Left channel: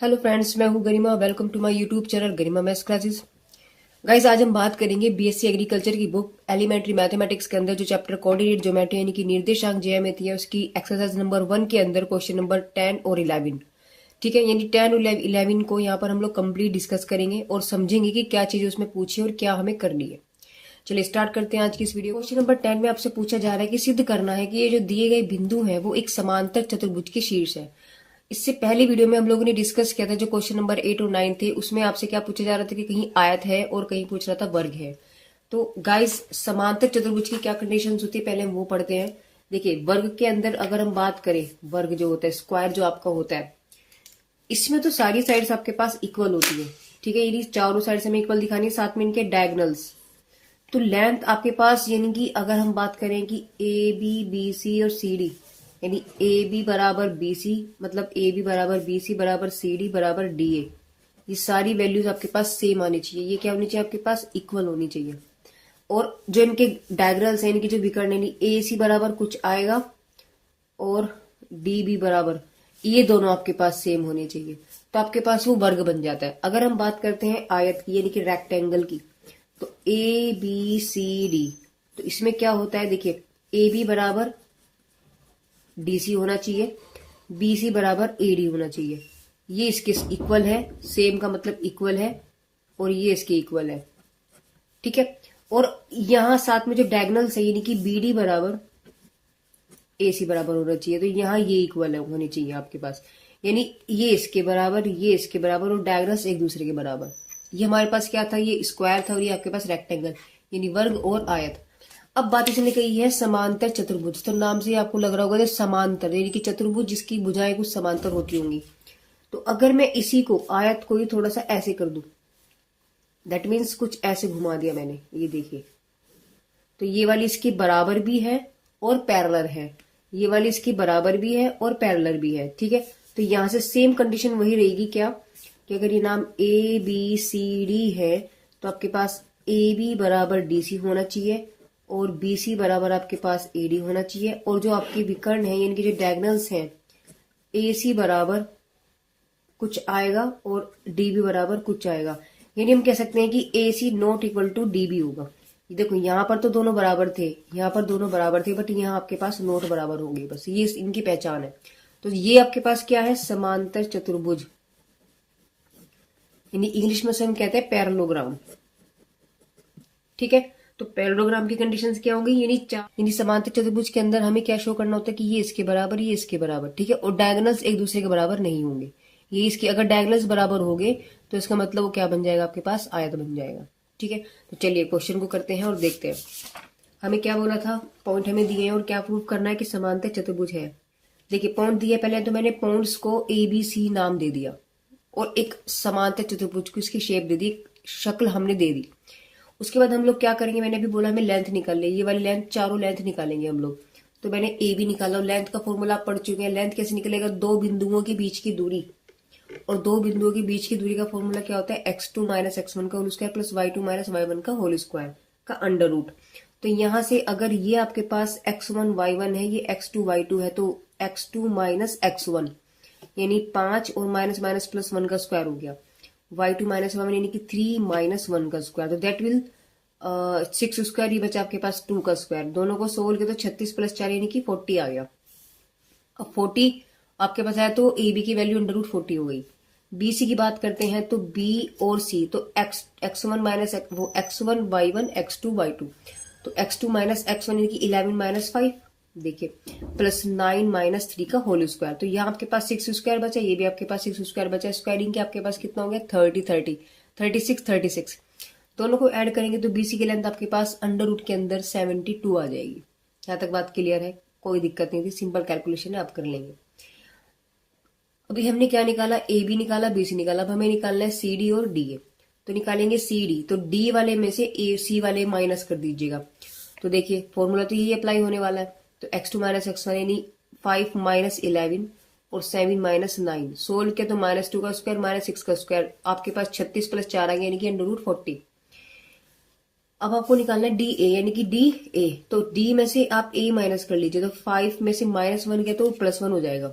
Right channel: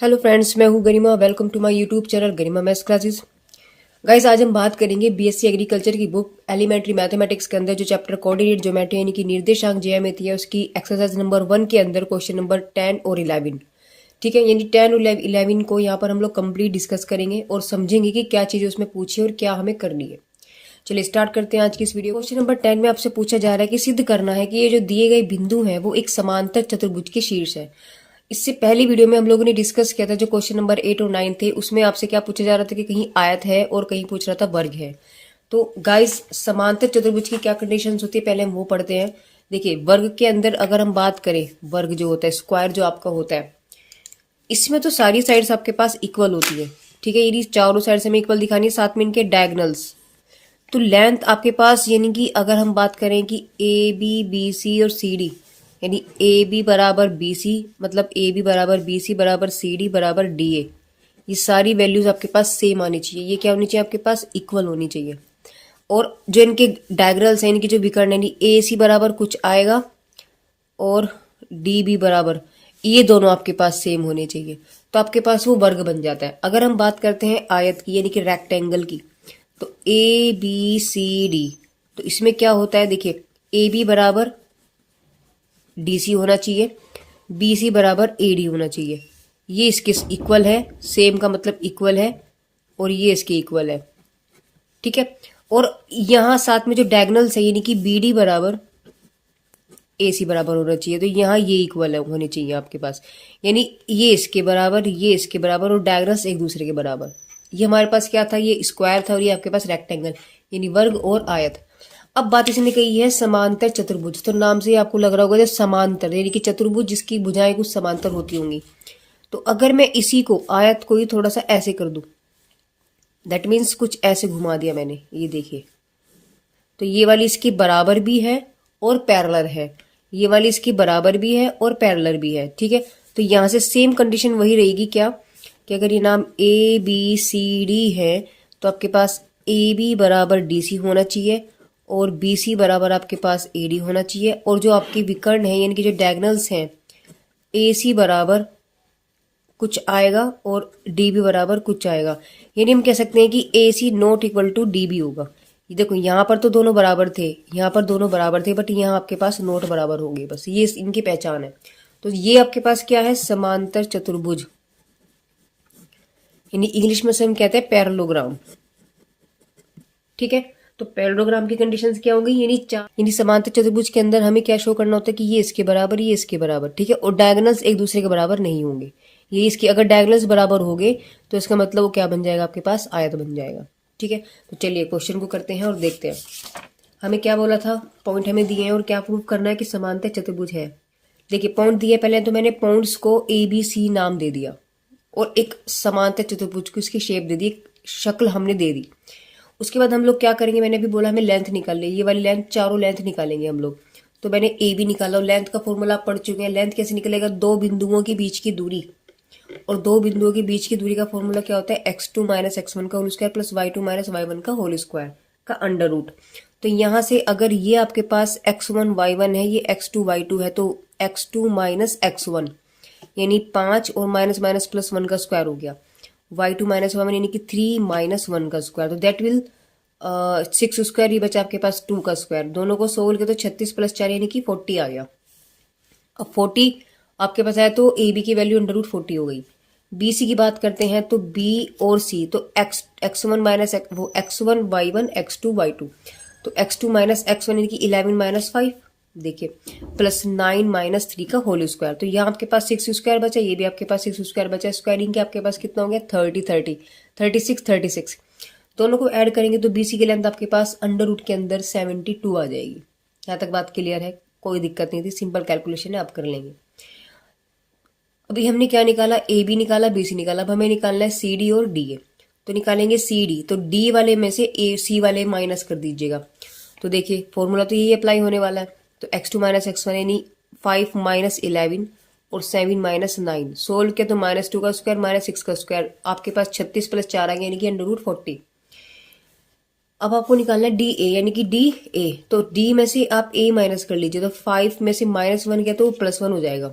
Hello friends, मैं हूं Garima. Welcome to my YouTube channel Garima maths classes. Guys, आज हम बात करेंगे बीएससी एग्रीकल्चर की बुक एलिमेंट्री मैथमेटिक्स के अंदर जो चैप्टर कोऑर्डिनेट ज्योमेट्री यानी कि निर्देशांक ज्यामिति है उसकी एक्सरसाइज नंबर 1 के अंदर क्वेश्चन नंबर 10 और 11। ठीक है, यानी 10 और 11 को यहाँ पर हम लोग कंप्लीट डिस्कस करेंगे और समझेंगे कि क्या चीजें उसमें पूछी और क्या हमें करनी है। चलिए स्टार्ट करते हैं आज की इस वीडियो। क्वेश्चन नंबर 10 में आपसे पूछा जा रहा है कि सिद्ध करना है कि ये जो दिए गए बिंदु है वो एक समांतर चतुर्भुज के शीर्ष है। इससे पहली वीडियो में हम लोगों ने डिस्कस किया था जो क्वेश्चन नंबर 8 और 9 थे, उसमें आपसे क्या पूछा जा रहा था कि कहीं आयत है और कहीं पूछ रहा था वर्ग है। तो गाइस, समांतर चतुर्भुज की क्या कंडीशंस होती है पहले हम वो पढ़ते हैं। देखिए, वर्ग के अंदर अगर हम बात करें, वर्ग जो होता है, स्क्वायर जो आपका होता है, इसमें तो सारी साइड्स आपके पास इक्वल होती है। ठीक है, यदि चारों साइड से हमें इक्वल दिखानी है, साथ में इनके डायगनल्स। तो लेंथ आपके पास, यानी कि अगर हम बात करें कि ए बी बी सी और सी डी, यानी ए बी बराबर बी सी, मतलब ए बी बराबर बी सी बराबर सी डी बराबर डी ए, ये सारी वैल्यूज आपके पास सेम आनी चाहिए। ये क्या होनी चाहिए आपके पास? इक्वल होनी चाहिए। और जो इनके डायग्रल्स हैं, इनकी जो विकर्ण है, ए सी बराबर कुछ आएगा और डी बी बराबर, ये दोनों आपके पास सेम होने चाहिए। तो आपके पास वो वर्ग बन जाता है। अगर हम बात करते हैं आयत की, यानी कि रेक्टेंगल की, तो ए बी सी डी, तो इसमें क्या होता है? देखिए, ए बी बराबर डी सी होना चाहिए, बी सी बराबर ए डी होना चाहिए। ये इसके इक्वल है, सेम का मतलब इक्वल है, और ये इसके इक्वल है। ठीक है, और यहां साथ में जो डायगनल्स है, यानी कि बी डी बराबर ए सी बराबर होना चाहिए। तो यहाँ ये इक्वल होने चाहिए आपके पास, यानी ये इसके बराबर, ये इसके बराबर, और डायगनल्स एक दूसरे के बराबर। ये हमारे पास क्या था? ये स्क्वायर था, और ये आपके पास रेक्टेंगल यानी वर्ग और आयत। अब बात इसने कही है समांतर चतुर्भुज। तो नाम से आपको लग रहा होगा जब समांतर, यानी कि चतुर्भुज जिसकी भुजाएं कुछ समांतर होती होंगी। तो अगर मैं इसी को, आयत को ही थोड़ा सा ऐसे कर दूं, दैट मीन्स कुछ ऐसे घुमा दिया मैंने, ये देखिए, तो ये वाली इसकी बराबर भी है और पैरेलल है, ये वाली इसकी बराबर भी है और पैरेलल भी है। ठीक है, तो यहां से सेम कंडीशन वही रहेगी क्या, कि अगर ये नाम ए बी सी डी है, तो आपके पास ए बी बराबर डी सी होना चाहिए और बी सी बराबर आपके पास ए डी होना चाहिए। और जो आपके विकर्ण है, यानी कि जो डायगनल्स हैं, ए सी बराबर कुछ आएगा और डी बी बराबर कुछ आएगा। यानी हम कह सकते हैं कि A C not equal to D B होगा। ये देखो, यहाँ पर तो दोनों बराबर थे, यहाँ पर दोनों बराबर थे, बट यहाँ आपके पास नोट बराबर होंगे। बस ये इनकी पहचान है। तो ये आपके पास क्या है? समांतर चतुर्भुज, यानी इंग्लिश में से हम कहते हैं पैरेललोग्राम। ठीक है, तो पैरेललोग्राम की कंडीशंस क्या होंगी? यानी समांतर चतुर्भुज के अंदर हमें क्या शो करना होता है कि ये इसके बराबर, ये इसके बराबर। ठीक है, और डायगोनल्स एक दूसरे के बराबर नहीं होंगे। ये इसके अगर डायगोनल्स बराबर होंगे तो इसका मतलब वो क्या बन जाएगा? आपके पास आयत बन जाएगा। ठीक है, तो चलिए क्वेश्चन को करते हैं और देखते हैं हमें क्या बोला था। पॉइंट हमें दिए हैं और क्या प्रूव करना है कि समांतर चतुर्भुज है। देखिए, पॉइंट दिए पहले, तो मैंने पॉइंट्स को ए बी सी नाम दे दिया और एक समांतर चतुर्भुज को उसकी शेप दे दी, शक्ल हमने दे दी। उसके बाद हम लोग क्या करेंगे? मैंने अभी बोला हमें लेंथ निकालनी है, ये वाली लेंथ, चारों लेंथ निकालेंगे हम लोग। तो मैंने ए बी निकाला, और लेंथ का फॉर्मूला आप पढ़ चुके हैं। लेंथ कैसे निकलेगा? दो बिंदुओं के बीच की दूरी, और दो बिंदुओं के बीच की दूरी का फॉर्मूला क्या होता है? x2 माइनस x1 का whole square plus y2 minus y1 का होल स्क्वायर का अंडर रूट। तो यहां से अगर ये आपके पास x1 y1 है, ये x2 y2 है, तो x2 माइनस x1 यानी 5 और माइनस माइनस प्लस 1 का स्क्वायर हो गया, y2 माइनस y1 यानी कि 3 माइनस 1 का स्क्वायर। तो दैट विल 6 स्क्वायर, ये बचा आपके पास 2 का स्क्वायर। दोनों को सोल्व किया तो 36 प्लस 4 यानी कि 40 आ गया। अब 40 आपके पास आया तो ए बी की वैल्यू अंडर रूट 40 हो गई। बी सी की बात करते हैं तो बी और सी, तो एक्स वन माइनस वो x1 y1 x2 y2, तो x2 माइनस x1 यानी कि 11 माइनस 5, देखिए, प्लस 9 माइनस 3 का होल स्क्वायर। तो यहाँ आपके पास 6 स्क्वायर बचा, ये भी आपके पास 6 स्क्वायर बचा। स्क्वायरिंग के आपके पास कितना हो गया? 30 36 36। दोनों को ऐड करेंगे तो बीसी की लेंथ आपके पास अंडर रूट के अंदर 72 आ जाएगी। यहाँ तक बात क्लियर है? कोई दिक्कत नहीं थी, सिंपल कैलकुलेशन है, आप कर लेंगे। अभी हमने क्या निकाला? ए बी निकाला, बी सी निकाला। अब हमें निकालना है सी डी और डी ए। तो निकालेंगे सी डी, तो डी वाले में से ए सी वाले माइनस कर दीजिएगा। तो देखिए, फॉर्मूला तो यही अप्लाई होने वाला है। तो x2 माइनस x1 यानी 5 माइनस 11 और 7 माइनस 9, सोल्व किया तो माइनस 2 का स्क्वायर माइनस 6 का स्क्वायर, आपके पास 36 प्लस 4 आ गया यानी कि अंडर रूट 40। अब आपको निकालना है डी ए, यानी कि डी ए। तो डी में से आप ए माइनस कर लीजिए, तो 5 में से माइनस 1 गया तो प्लस 1 हो जाएगा,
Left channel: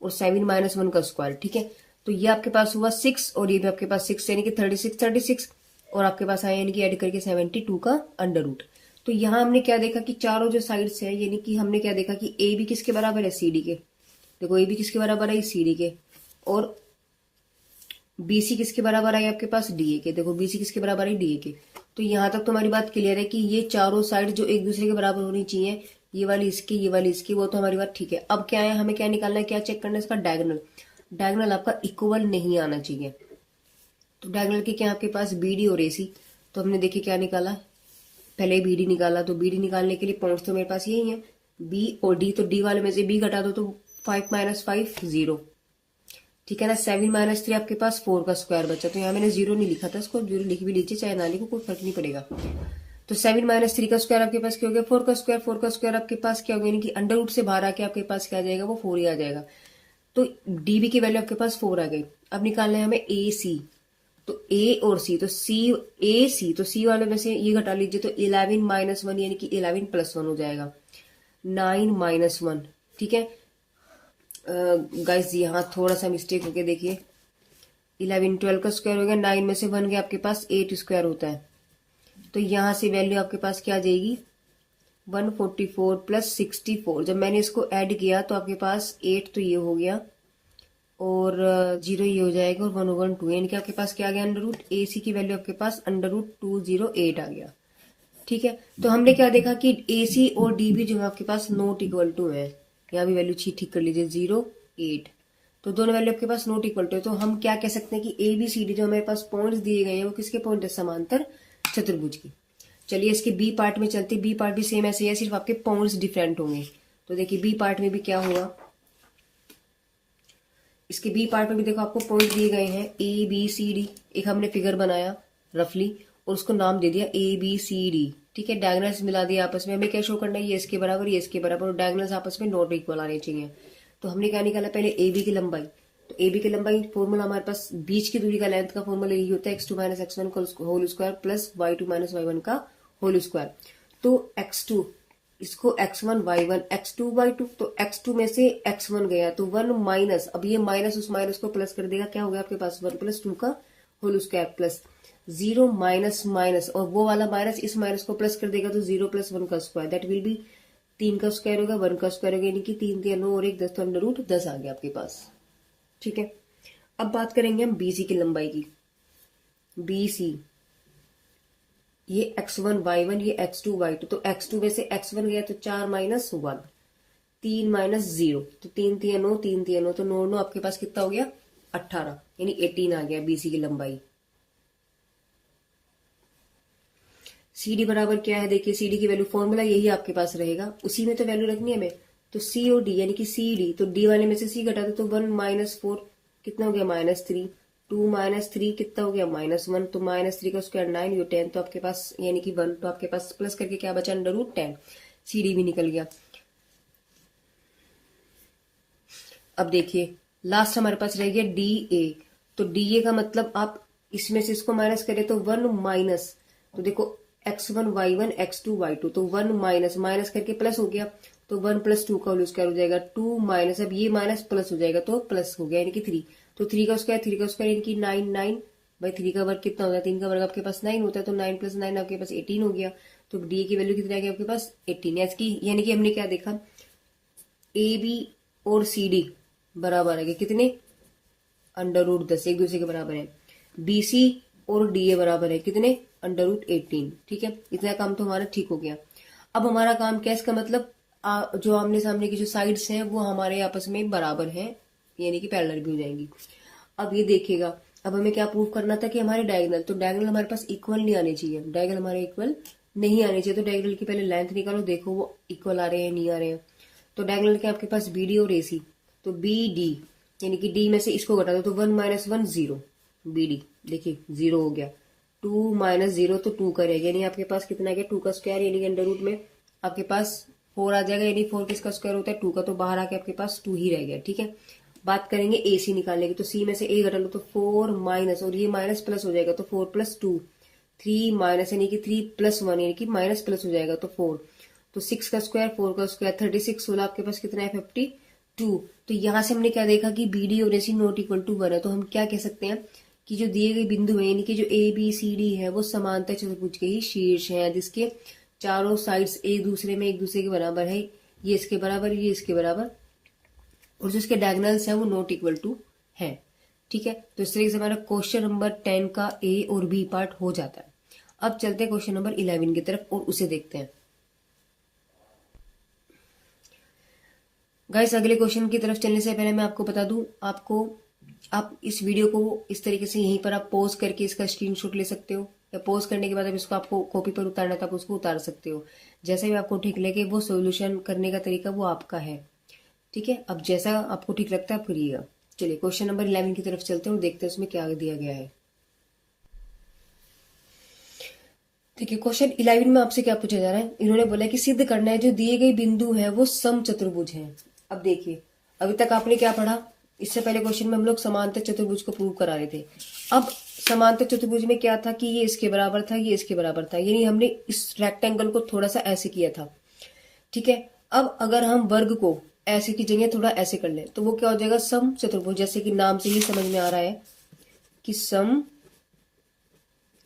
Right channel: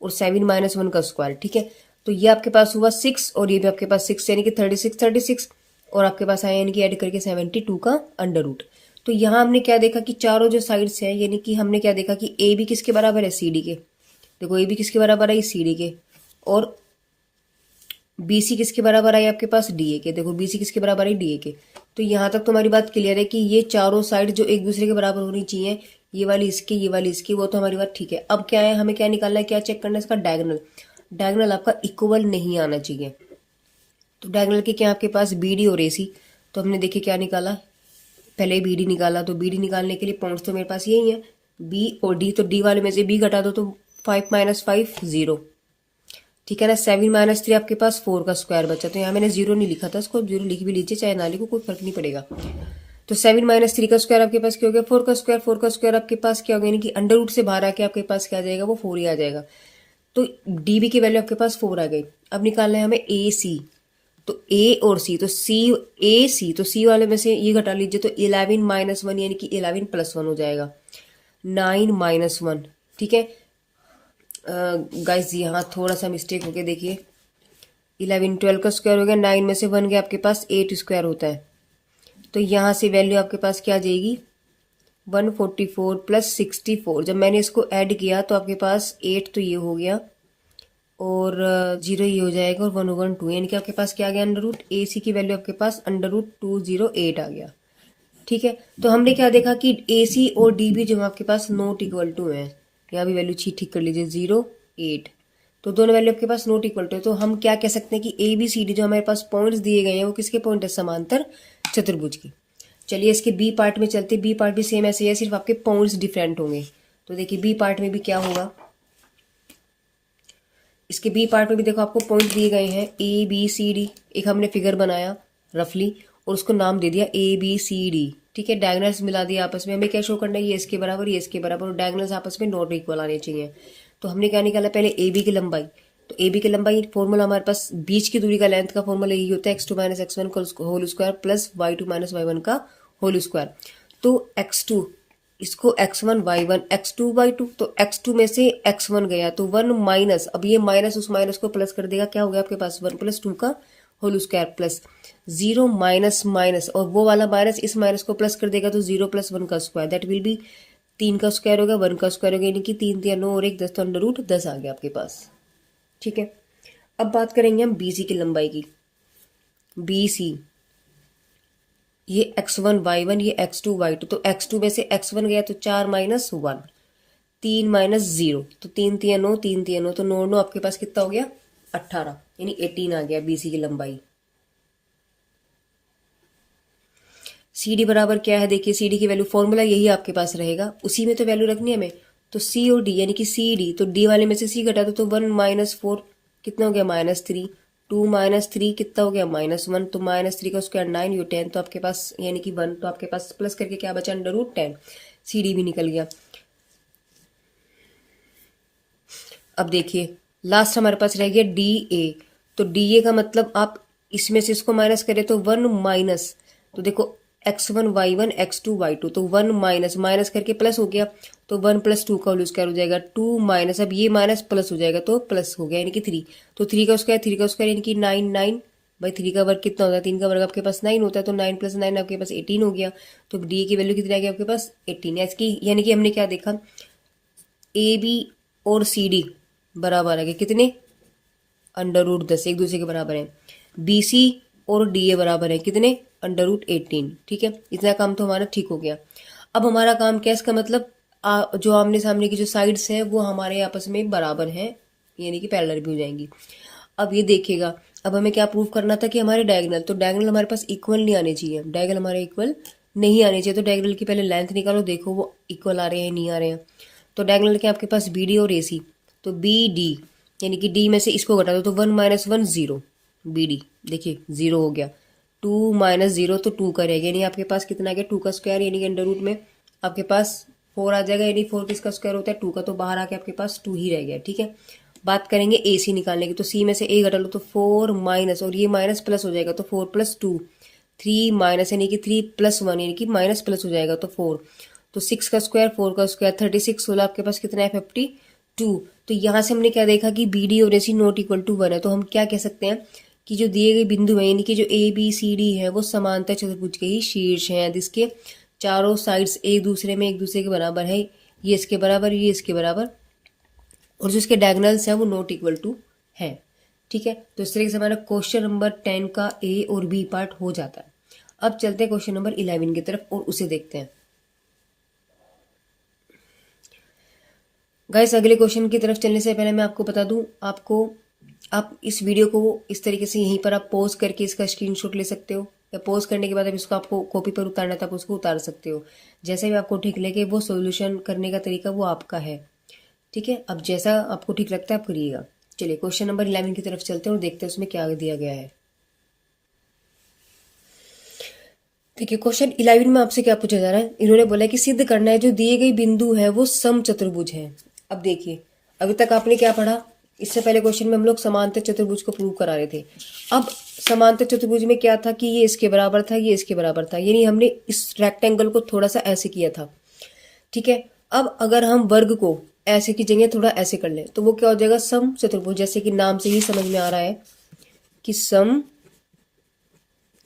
और 7 माइनस 1 का स्क्वायर। ठीक है, तो ये आपके पास हुआ 6 और ये भी आपके पास 6 यानी कि 36 और आपके पास आया यानी कि ऐड करके 72 का अंडर रूट। तो यहाँ हमने क्या देखा कि चारों जो साइड्स है यानी कि हमने क्या देखा कि ए भी किसके बराबर है, सी डी के। देखो ए भी किसके बराबर है, सी डी के। और बीसी किसके बराबर है आपके पास, डीए के। देखो बीसी किसके बराबर है, डीए के। तो यहाँ तक तुम्हारी बात क्लियर है कि ये चारों साइड जो एक दूसरे के बराबर होनी चाहिए, ये वाली इसकी ये वाली इसकी, वो तो हमारी बात ठीक है। अब क्या है, हमें क्या निकालना है, क्या चेक करना है, इसका डायगोनल। डायगोनल आपका इक्वल नहीं आना चाहिए। तो डायगोनल के क्या आपके पास बीडी और एसी। तो हमने देखिए क्या निकाला, पहले बीडी निकाला। तो बीडी निकालने के लिए पॉइंट्स तो मेरे पास यही है, बी और डी। तो डी वाले में से बी घटा दो तो 5 - 5 0, ठीक है ना। 7 - 3 आपके पास 4 का स्क्वायर बचा। तो यहाँ मैंने 0 नहीं लिखा था, इसको 0 लिख भी लीजिए चाहे ना लिखो, कोई फर्क नहीं पड़ेगा। तो 7 - 3 का स्क्वायर आपके पास क्या हो गया, 4 का स्क्वायर। 4 का स्क्वायर आपके पास क्या हो गया, यानी कि अंडर रूट से बाहर आके आपके पास क्या आ जाएगा, वो 4 ही आ जाएगा। तो डीबी की वैल्यू आपके पास 4 आ गई। अब निकालना है हमें ए सी। तो ए और सी, तो सी ए सी, तो सी वाले में से ये घटा लीजिए तो 11 - 1 यानी कि 11 + 1 हो जाएगा, 9 - 1, ठीक है। गाइस यहाँ थोड़ा सा मिस्टेक हो गया, देखिए 11 12 का स्क्वायर हो गया, 9 में से 1 गया आपके पास 8 स्क्वायर होता है। तो यहाँ से वैल्यू आपके पास क्या आ जाएगी, 144 + 64। जब मैंने इसको ऐड किया तो आपके पास 8 तो ये हो गया और 0 ये हो जाएगा और 1/2 यानी कि आपके पास क्या आ गया, अंडर रूट। ए सी की वैल्यू आपके पास अंडर रूट 208 आ गया, ठीक है। तो हमने क्या देखा कि ए सी और डी भी जो आपके पास नॉट इक्वल टू है। यहाँ भी वैल्यू ठीक कर लीजिए, 0 8। तो दोनों वैल्यू आपके पास नॉट इक्वल टू है। तो हम क्या कह सकते हैं कि ए बी सी डी जो हमारे पास पॉइंट्स दिए गए हैं वो किसके पॉइंट है, समांतर चतुर्भुज की। चलिए इसके बी पार्ट में चलते। बी पार्ट भी सेम ऐसे है, सिर्फ आपके पॉइंट्स डिफरेंट होंगे। तो देखिए बी पार्ट में भी क्या होगा, इसके बी पार्ट में भी देखो आपको पॉइंट दिए गए हैं ए बी सी डी। एक हमने फिगर बनाया रफली और उसको नाम दे दिया ए बी सी डी, ठीक है। डायगोनल्स मिला दिया आपस में। हमें क्या शो करना है, ये इसके बराबर ये इसके बराबर, और डायगोनल्स आपस में नॉट इक्वल आने चाहिए। तो हमने क्या निकाला, पहले ए बी की लंबाई। तो ए बी की लंबाई फॉर्मूला हमारे पास बीच की दूरी का लेंथ का फॉर्मूला यही होता है, x2 - x1 का whole square plus y2 - y1 का होल स्क्वायर। तो x2 इसको x1 y1 x2 y2, तो x2 में से x1 गया तो 1 माइनस, अब ये माइनस उस माइनस को प्लस कर देगा, क्या हो गया आपके पास 1 + 2 का whole square plus 0 minus minus, और वो वाला माइनस इस माइनस को प्लस कर देगा तो 0 + 1 का स्क्वायर, दैट विल बी 3 का स्क्वायर होगा, 1 का स्क्वायर होगा, यानी कि 3 3 9 और 1 10, तो अंडर रूट 10 आ गया आपके पास, ठीक है। अब बात करेंगे हम बीसी की लंबाई की। बीसी ये x1 y1 ये x2 y2, तो x2 में से x1 गया तो 4 - 1, 3 - 0, तो 3 3 9 3 3 9, तो 9 9 आपके पास कितना हो गया 18, यानी 18 आ गया बीसी की लंबाई। सी डी बराबर क्या है, देखिए सी डी की वैल्यू फॉर्मूला यही आपके पास रहेगा, उसी में तो वैल्यू रखनी है हमें। तो सी और डी यानी कि सी डी, तो डी वाले में से सी घटा दो तो 1 - 4 कितना हो गया -3, 2 - 3 कितना हो गया -1, तो -3 का स्क्वायर 9, ये 10, तो आपके पास यानी कि 1, तो आपके पास प्लस करके क्या बचा अंडर रूट 10, सी डी भी निकल गया। अब देखिए लास्ट हमारे पास रह गया डी ए। तो डी ए का मतलब आप इसमें से इसको माइनस करें तो 1 माइनस, तो देखो x1 y1 x2 y2, तो 1 माइनस माइनस करके प्लस हो गया, तो 1 + 2 का होल स्क्वायर हो जाएगा, 2 माइनस, अब ये माइनस प्लस हो जाएगा तो प्लस हो गया यानी कि 3, तो 3 का स्क्वायर यानी कि 9 9 भाई 3 का वर्ग कितना होता है, 3 का वर्ग आपके पास 9 होता है, तो 9 + 9 आपके पास 18 हो गया। तो डी की वैल्यू कितनी आ गई आपके पास 18, यानी कि हमने क्या देखा, ए बी और सी डी बराबर आ गए कितने, अंडर रूट 10, एक दूसरे के बराबर है। बी सी और डी ए बराबर है कितने, अंडर रूट 18, ठीक है। इतना काम तो हमारा ठीक हो गया। अब हमारा काम क्या है, इसका मतलब जो आमने सामने की जो साइड्स हैं वो हमारे आपस में बराबर हैं, यानी कि पैरेलल भी हो जाएंगी। अब ये देखिएगा, अब हमें क्या प्रूव करना था कि हमारे डायगोनल, तो डायगोनल हमारे पास इक्वल नहीं आने चाहिए, डायगोनल हमारे इक्वल नहीं आने चाहिए। तो डायगोनल की पहले लेंथ निकालो, देखो वो इक्वल आ रहे हैं नहीं आ रहे हैं। तो डायगोनल के आपके पास बी डी और ए सी, तो बी डी यानी कि डी में से इसको घटा दो तो 1 - 1 0, बी डी देखिए 0 हो गया, 2 - 0 तो 2 का रह गया, यानी आपके पास कितना आ गया 2 का स्क्वायर, यानी कि अंडर रूट में आपके पास 4 आ जाएगा, यानी 4 किसका स्क्वायर होता है 2 का, तो बाहर आके आपके पास 2 ही रह गया, ठीक है। बात करेंगे ए सी निकालने की, तो सी में से ए घटा लो तो 4 माइनस, और ये माइनस प्लस हो जाएगा तो 4 + 2, 3 माइनस यानी कि 3 + 1 यानी कि माइनस प्लस हो जाएगा तो 4, तो 6 का स्क्वायर 4 का स्क्वायर 36, 16 आपके पास कितना है 52, 2। तो यहाँ से हमने क्या देखा कि बी डी और ए सी नॉट इक्वल टू 1 है, तो हम क्या कह सकते हैं कि जो दिए गए बिंदु है यानी कि जो ए बी सी डी है वो समांतर चतुर्भुज के ही शीर्ष हैं, जिसके चारों साइड्स एक दूसरे के बराबर है, ये इसके बराबर, ये इसके बराबर, और जो इसके डायगोनल्स हैं वो नॉट इक्वल टू है। ठीक है, तो इस तरीके से हमारा क्वेश्चन नंबर 10 का ए और बी पार्ट हो जाता है। अब चलते हैं क्वेश्चन नंबर 11 की तरफ और उसे देखते हैं। गाइस अगले क्वेश्चन की तरफ चलने से पहले मैं आपको बता दूं, आप इस वीडियो को इस तरीके से यहीं पर आप पॉज करके इसका स्क्रीनशॉट ले सकते हो, या पॉज करने के बाद अब इसको आपको कॉपी पर उतारना है तो आप उसको उतार सकते हो। जैसा भी आपको ठीक लगे, वो सॉल्यूशन करने का तरीका वो आपका है। ठीक है, अब जैसा आपको ठीक लगता है आप करिएगा। चलिए क्वेश्चन नंबर 11 की तरफ चलते हैं और देखते हैं उसमें क्या दिया गया है। देखिए क्वेश्चन 11 में आपसे क्या पूछा जा रहा है, इन्होंने बोला कि सिद्ध करना है जो दिए गए बिंदु है वो समचतुर्भुज है। अब देखिए अभी तक आपने क्या पढ़ा, इससे पहले क्वेश्चन में हम लोग समांतर चतुर्भुज को प्रूव करा रहे थे। अब समांतर चतुर्भुज में क्या था कि ये इसके बराबर था, ये इसके बराबर था, यानी हमने इस रेक्टेंगल को थोड़ा सा ऐसे किया था। ठीक है, अब अगर हम वर्ग को ऐसे की जगह थोड़ा ऐसे कर लें तो वो क्या हो जाएगा, सम चतुर्भुज। जैसे कि नाम से ही समझ में आ रहा है कि सम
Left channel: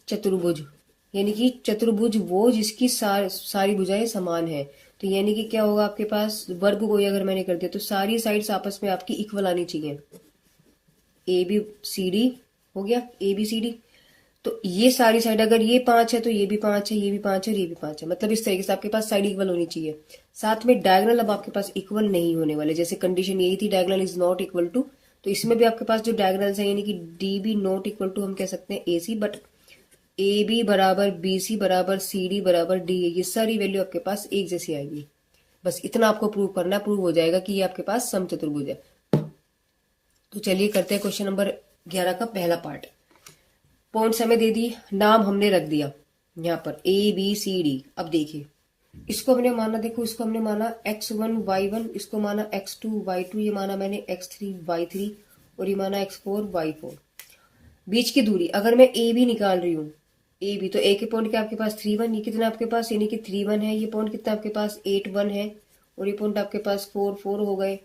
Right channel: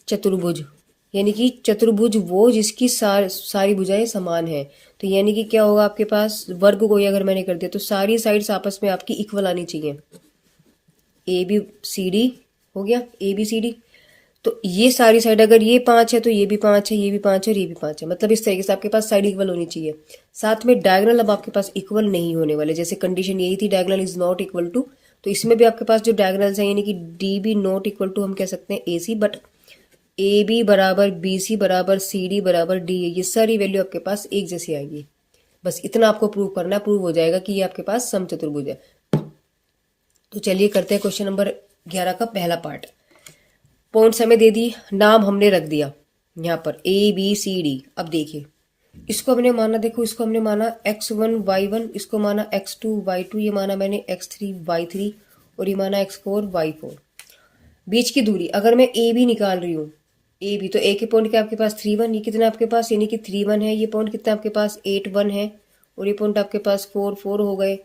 चतुर्भुज, यानी कि चतुर्भुज वो जिसकी सारी भुजाएं समान है। तो यानी कि क्या होगा आपके पास, वर्ग को अगर मैंने कर दिया तो सारी साइड्स आपस में आपकी इक्वल आनी चाहिए। ए बी सी डी हो गया, ए बी सी डी। तो ये सारी साइड अगर ये 5 है तो ये भी 5 है, ये भी 5 है और ये भी 5 है, मतलब इस तरीके से आपके पास साइड इक्वल होनी चाहिए। साथ में डायगोनल अब आपके पास इक्वल नहीं होने वाले, जैसे कंडीशन यही थी diagonal is not equal to, तो इसमें भी आपके पास जो डायगोनल्स है यानी कि D B not equal to हम कह सकते हैं A C, but A B बराबर बी सी बराबर सी डी बराबर डी है, ये सारी वैल्यू आपके पास एक जैसी आएगी। बस इतना आपको प्रूव करना, प्रूव हो जाएगा कि ये आपके पास समचतुर्भुज है। तो चलिए करते हैं क्वेश्चन नंबर 11 का पहला पार्ट। पॉइंट्स हमें दे दी, नाम हमने रख दिया यहाँ पर ए बी सी डी। अब देखिए इसको हमने माना, देखो इसको हमने माना x1 y1, इसको माना x2 y2, ये माना मैंने x3 y3 और ये माना x4 y4। बीच की दूरी अगर मैं ए बी निकाल रही हूँ, ए बी, तो ए के पॉइंट क्या आपके पास 3 1, ये कितना आपके पास यानी कि 3 1 है, ये पॉइंट कितना आपके पास 8 1 है, और ये पॉइंट आपके पास 4 4 हो गए,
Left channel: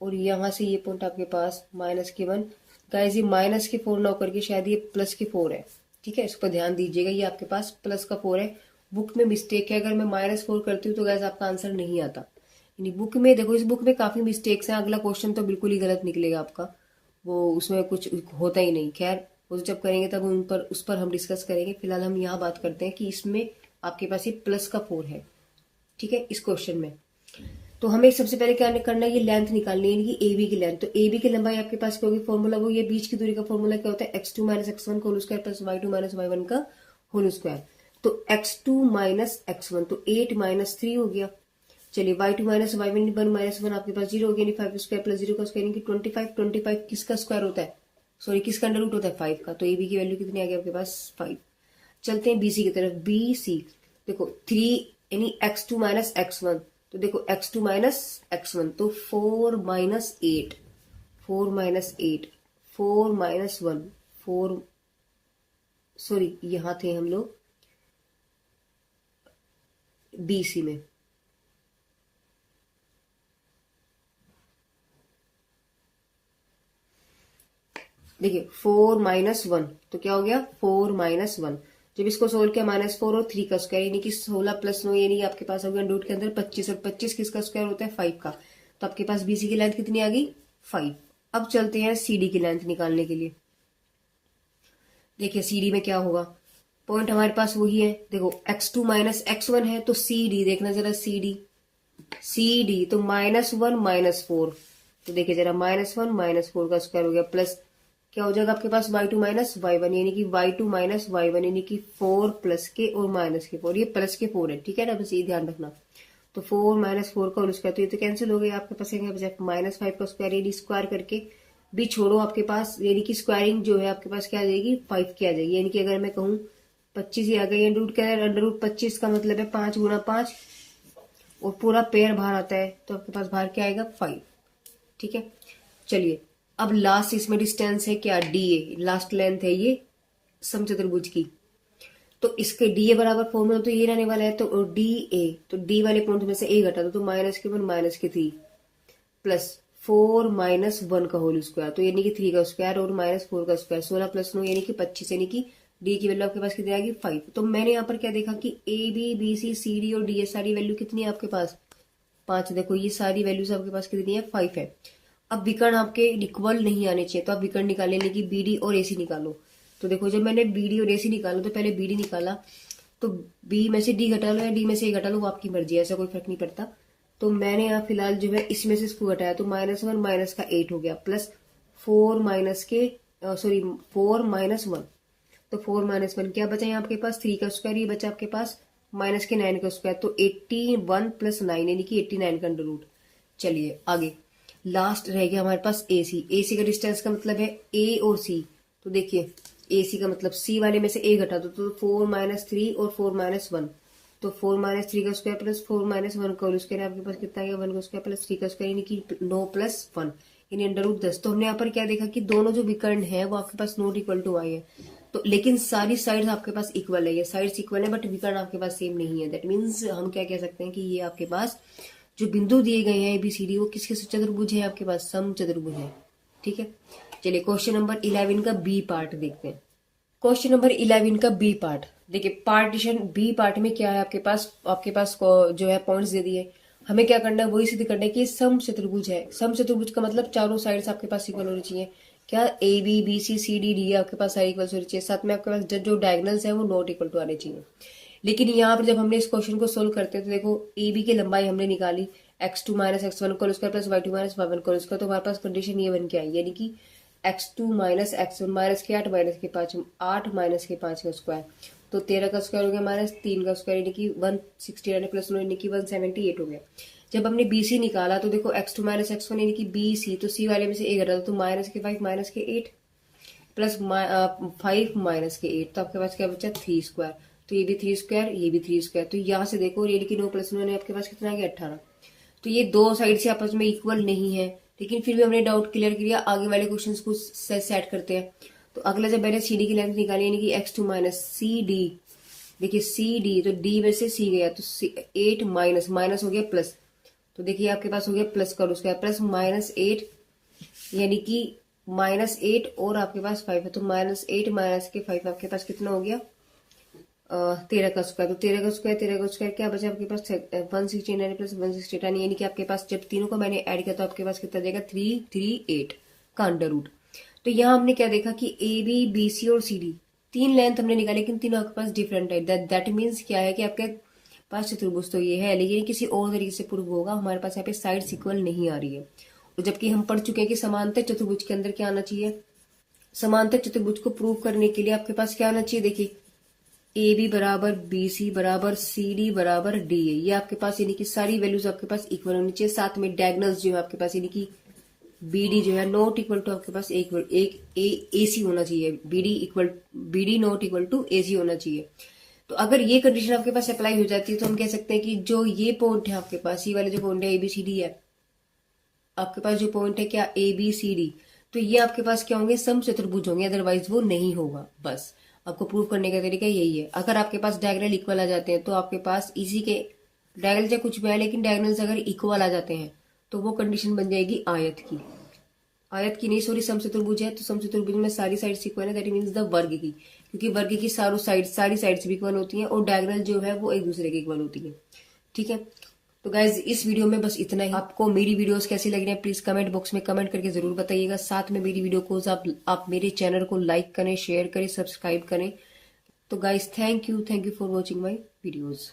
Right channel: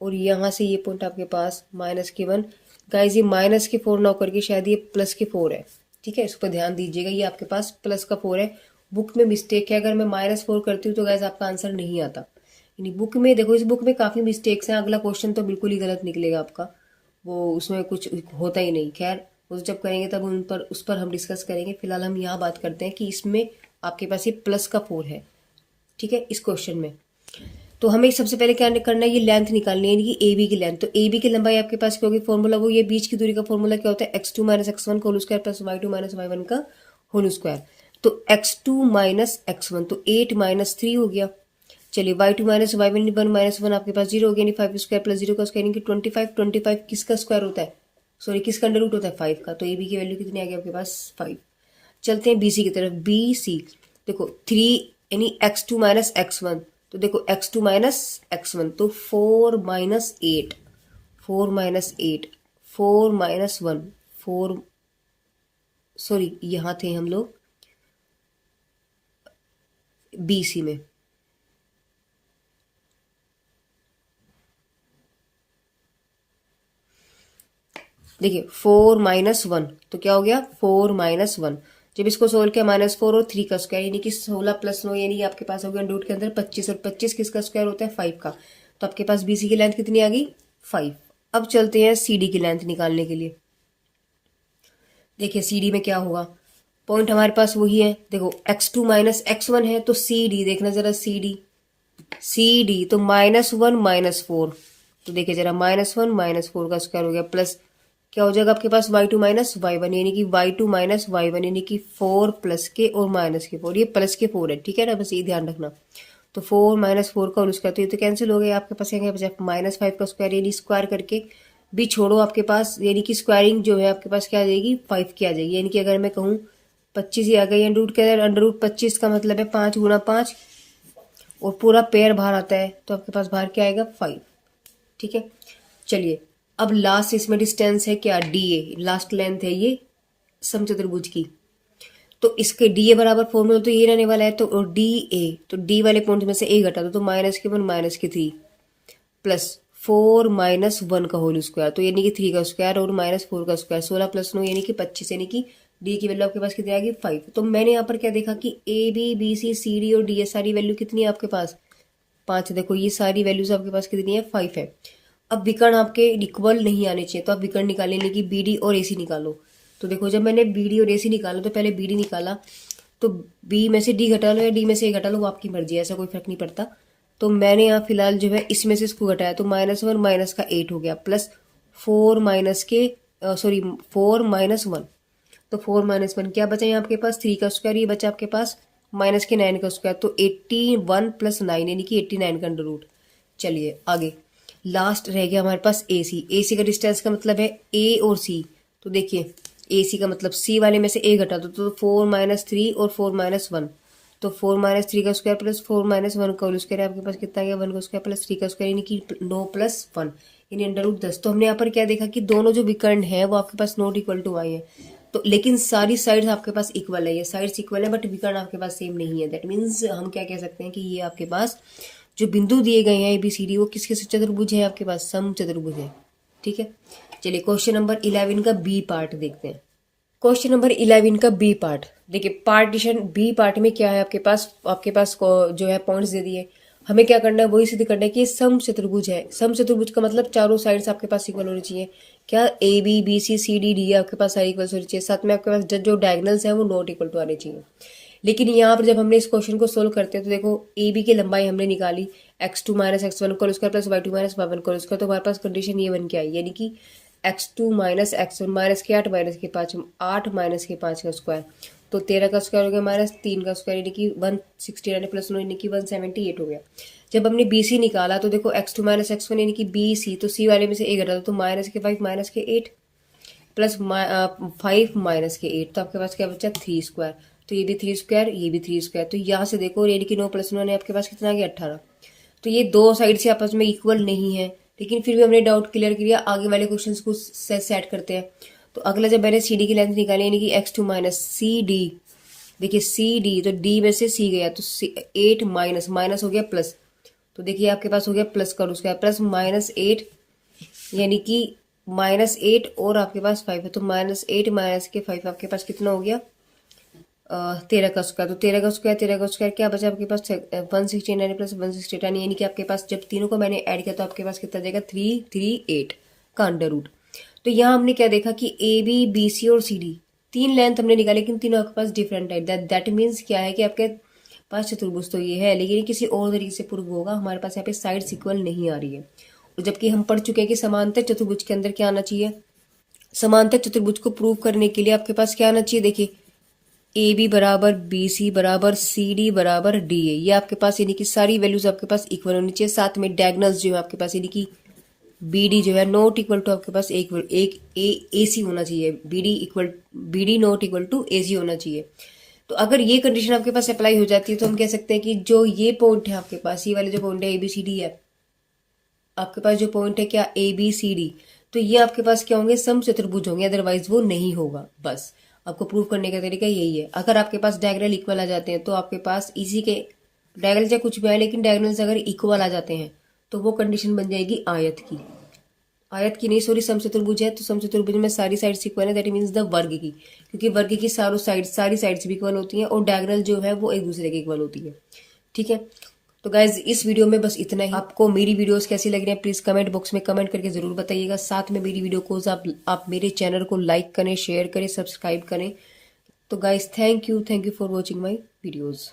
और यहाँ से ये पॉइंट आपके पास माइनस के 1। गाइस ये माइनस के 4 ना होकर के शायद ये प्लस के 4 है। ठीक है, इस पर ध्यान दीजिएगा, ये आपके पास प्लस का 4 है। बुक में मिस्टेक है, अगर मैं -4 करती हूँ तो गाइस आपका आंसर नहीं आता। यानी बुक में देखो, इस बुक में काफी मिस्टेक्स हैं, अगला क्वेश्चन तो बिल्कुल ही गलत निकलेगा आपका, वो उसमें कुछ होता ही नहीं। खैर वो जब करेंगे तब उस पर हम डिस्कस करेंगे। फिलहाल हम यहाँ बात करते हैं कि इसमें आपके पास ये प्लस का 4 है। ठीक है, इस क्वेश्चन में तो हमें सबसे पहले क्या करना है, ये लेंथ निकालनी है, यानी कि ए बी की लेंथ। तो ए बी की लंबाई आपके पास क्या होगी, फॉर्मूला वो ये बीच की दूरी का फॉर्मूला क्या होता है, x2 माइनस x1 का whole square plus y2 minus y1 का होल स्क्वायर। तो x2 माइनस x1 तो 8 माइनस 3 हो गया। चलिए y2 माइनस y1 1 माइनस 1 आपके पास 0 हो गया, यानी 5 स्क्वायर प्लस 0 का स्क्वायर यानी कि 25। 25 किसका स्क्वायर होता है, सॉरी किसका अंडर रूट होता है, 5 का। तो ए बी की वैल्यू कितनी आ गई आपके पास 5। चलते हैं बी सी की तरफ। बी सी देखो 3 यानी x2 माइनस x1, तो देखो x2 माइनस x1 तो 4 माइनस 8, 4 माइनस 8, 4 माइनस 1, 4, सॉरी यहाँ थे हम लोग बी सी में। देखिए 4 माइनस 1 तो क्या हो गया 4 माइनस 1। जब इसको सोल्व किया -4 और 3 का स्क्वायर यानी कि 16 प्लस 9 यानी आपके पास हो गया रूट के अंदर 25, और 25 किसका स्क्वायर होता है 5 का। तो आपके पास बीसी की लेंथ कितनी आ गई 5। अब चलते हैं सीडी की लेंथ निकालने के लिए। देखिए सीडी में क्या होगा, पॉइंट हमारे पास वही है, देखो x2 माइनस x1 है तो सी डी देखना जरा, सी डी तो -1 -4, तो देखिए जरा -1 -4 का स्क्वायर हो गया प्लस क्या हो जाएगा आपके पास y2 माइनस y1 यानी कि y2 माइनस y1 यानी कि 4 प्लस के और माइनस के 4, ये प्लस के 4 है। ठीक है ना, बस ये ध्यान रखना। तो 4 माइनस 4 का होल स्क्वायर, तो ये तो कैंसिल हो गया आपके पास, -5 का स्क्वायर यानी स्क्वायर करके भी छोड़ो आपके पास, यानी कि स्क्वायरिंग जो है आपके पास क्या आ जाएगी 5 की आ जाएगी। यानी कि अगर मैं कहूँ 25 ही आ गई, अंडर रूट के अंदर अंडर रूट 25 का मतलब है 5 गुना 5, और पूरा पेयर बाहर आता है तो आपके पास बाहर क्या आएगा 5। ठीक है, चलिए अब लास्ट इसमें डिस्टेंस है क्या डी ए, लास्ट लेंथ है ये समचतुर्भुज की। तो इसके डी ए बराबर फॉर्मूला तो ये रहने वाला है, तो डी ए, तो डी वाले पॉइंट में से ए घटा दो तो -1 -3 प्लस 4 माइनस 1 का होल स्क्वायर, तो यानी कि 3 का स्क्वायर और माइनस 4 का स्क्वायर, 16 प्लस 9 यानी कि 25, यानी कि डी की वैल्यू आपके पास कितनी आ गई 5। तो मैंने यहाँ पर क्या देखा कि A B B C C D और डी, ये सारी वैल्यू कितनी है आपके पास 5। देखो ये सारी वैल्यूज आपके पास कितनी है 5 है। अब विकर्ण आपके इक्वल नहीं आने चाहिए, तो आप विकर्ण निकालें, कि बी डी और ए सी निकालो। तो देखो जब मैंने बी डी और ए सी निकाला तो पहले बी डी निकाला, तो बी में से डी घटा लो या डी में से ए घटा लो, वो आपकी मर्जी है, ऐसा कोई फर्क नहीं पड़ता। तो मैंने यहाँ फिलहाल जो है इसमें से इसको घटाया, तो -1 माइनस का 8 हो गया, प्लस 4 माइनस के 4 माइनस 1, तो 4 माइनस 1 क्या बचा यहाँ आपके पास 3 का स्क्वायर, ये बचा आपके पास माइनस के 9 का स्क्वायर, तो 81 प्लस 9 यानी कि 89 का अंडर रूट। चलिए आगे लास्ट रह गया हमारे पास ए सी। ए सी का डिस्टेंस का मतलब है ए और सी, तो देखिए ए सी का मतलब सी वाले में से ए घटा दो, तो 4 माइनस 3 और 4 माइनस 1, तो 4 माइनस 3 का स्क्वायर प्लस 4 माइनस 1 का स्क्वायर, आपके पास कितना गया 1 का स्क्वायर प्लस 3 का स्क्वायर, यानी कि 9 प्लस 1 यानी अंडर रूट 10। तो हमने यहाँ पर क्या देखा कि दोनों जो विकर्ण है वो आपके पास नॉट इक्वल टू आई है, तो लेकिन सारी साइड्स आपके पास इक्वल है, ये साइड्स इक्वल है बट विकर्ण आपके पास सेम नहीं है। दैट मीन्स हम क्या कह सकते हैं कि ये आपके पास जो बिंदु दिए गए हैं ABCD, वो किसके चतुर्भुज है आपके पास, सम चतुर्भुज है। ठीक है, चलिए क्वेश्चन नंबर 11 का बी पार्ट देखते हैं। क्वेश्चन नंबर 11 का बी पार्ट देखिए, पार्टीशन बी पार्ट में क्या है आपके पास जो है पॉइंट्स दे दिए, हमें क्या करना है वही सिद्ध करना है कि ये सम चतुर्भुज है। सम चतुर्भुज का मतलब चारों साइड्स आपके पास इक्वल होनी चाहिए। क्या A B B C C D D आपके पास सारे इक्वल होनी चाहिए, साथ में आपके पास जो डायगोनल्स है वो नॉट इक्वल टू आने चाहिए। लेकिन यहाँ पर जब हमने इस क्वेश्चन को सोल्व करते हैं तो देखो ए बी की लंबाई हमने निकाली x2 माइनस x1 का square plus y2 minus y1 का स्क्वायर, तो हमारे पास कंडीशन ये बन के आई, यानी कि x2 माइनस x1 माइनस के 8 माइनस के 5 8 माइनस के 5 का स्क्वायर, तो 13 का स्क्वायर हो गया माइनस 3 का स्क्वायर, यानी कि 169 प्लस 9 यानी कि 178 हो गया। जब हमने बी सी निकाला तो देखो x2 माइनस x1 यानी कि बी सी, तो सी वाले में से ए घटा दो, तो माइनस के 5 माइनस के 8 प्लस 5 माइनस के 8, तो आपके पास क्या बचा 3 स्क्वायर, तो ये भी 3 स्क्वायर ये भी 3 स्क्वायर, तो यहाँ से देखो यानी कि 9 प्लस 9 आपके पास कितना आ गया 18। तो ये दो साइड से आपस में इक्वल नहीं है, लेकिन फिर भी हमने डाउट क्लियर किया। आगे वाले क्वेश्चंस को सेट करते हैं। तो अगला जब मैंने सी डी की लेंथ निकाली, यानी कि x2 माइनस सी डी, देखिए सी डी तो डी में से सी गया, तो 8 माइनस माइनस हो गया प्लस, तो देखिए आपके पास हो गया प्लस का उसका प्लस -8 यानी कि -8 और आपके पास 5 है, तो -8 माइनस के 5 आपके पास कितना हो गया 13 का स्क्वायर, तो 13 का स्क्वायर क्या बचा आपके पास 169 प्लस 169, यानी कि आपके पास जब तीनों को मैंने ऐड किया तो आपके पास कितना जाएगा 338 का अंडर रूट। तो यहाँ हमने क्या देखा कि ए बी बी सी और सी डी तीन लेंथ हमने निकाली, लेकिन तीनों आपके पास डिफरेंट है। दैट मीन्स क्या है कि आपके पास चतुर्भुज तो ये है, लेकिन किसी और तरीके से प्रूव होगा। हमारे पास यहाँ पे साइड्स इक्वल नहीं आ रही है, और जबकि हम पढ़ चुके हैं कि समांतर चतुर्भुज के अंदर क्या आना चाहिए, समांतर चतुर्भुज को प्रूव करने के लिए आपके पास क्या आना चाहिए, देखिए ए बी बराबर बी सी बराबर सी डी बराबर डी ए, ये आपके पास यानी कि सारी वैल्यूज आपके पास इक्वल होनी चाहिए। साथ में डायगोनल्स जो है आपके पास यानी कि बी डी जो है नॉट इक्वल टू आपके पास एक ए सी होना चाहिए, B D not equal to A C होना चाहिए। तो अगर ये कंडीशन आपके पास अप्लाई हो जाती है तो हम कह सकते हैं कि जो ये पॉइंट है आपके पास, ये वाले जो पॉइंट है ए बी सी डी है आपके पास, जो पॉइंट है क्या ए बी सी डी, तो ये आपके पास क्या होंगे सम चतुर्भुज होंगे, अदरवाइज वो नहीं होगा। बस आपको प्रूव करने का तरीका यही है। अगर आपके पास डायगोनल इक्वल आ जाते हैं तो आपके पास इसी के डायगोनल चाहे कुछ भी है, लेकिन डायगोनल्स अगर इक्वल आ जाते हैं तो वो कंडीशन बन जाएगी आयत की, आयत की नहीं सॉरी सम चतुर्भुज है, तो सम चतुर्भुज में सारी साइड्स इक्वल है, दैट मीन्स द वर्ग की, क्योंकि वर्ग की सारी साइड्स भी इक्वल होती हैं और डायगोनल जो है वो एक दूसरे के इक्वल होती है। ठीक है, तो गाइज इस वीडियो में बस इतना ही। आपको मेरी वीडियोस कैसी लग रही है प्लीज कमेंट बॉक्स में कमेंट करके जरूर बताइएगा। साथ में मेरी वीडियो को आप मेरे चैनल को लाइक करें, शेयर करें, सब्सक्राइब करें। तो guys thank you for watching my videos.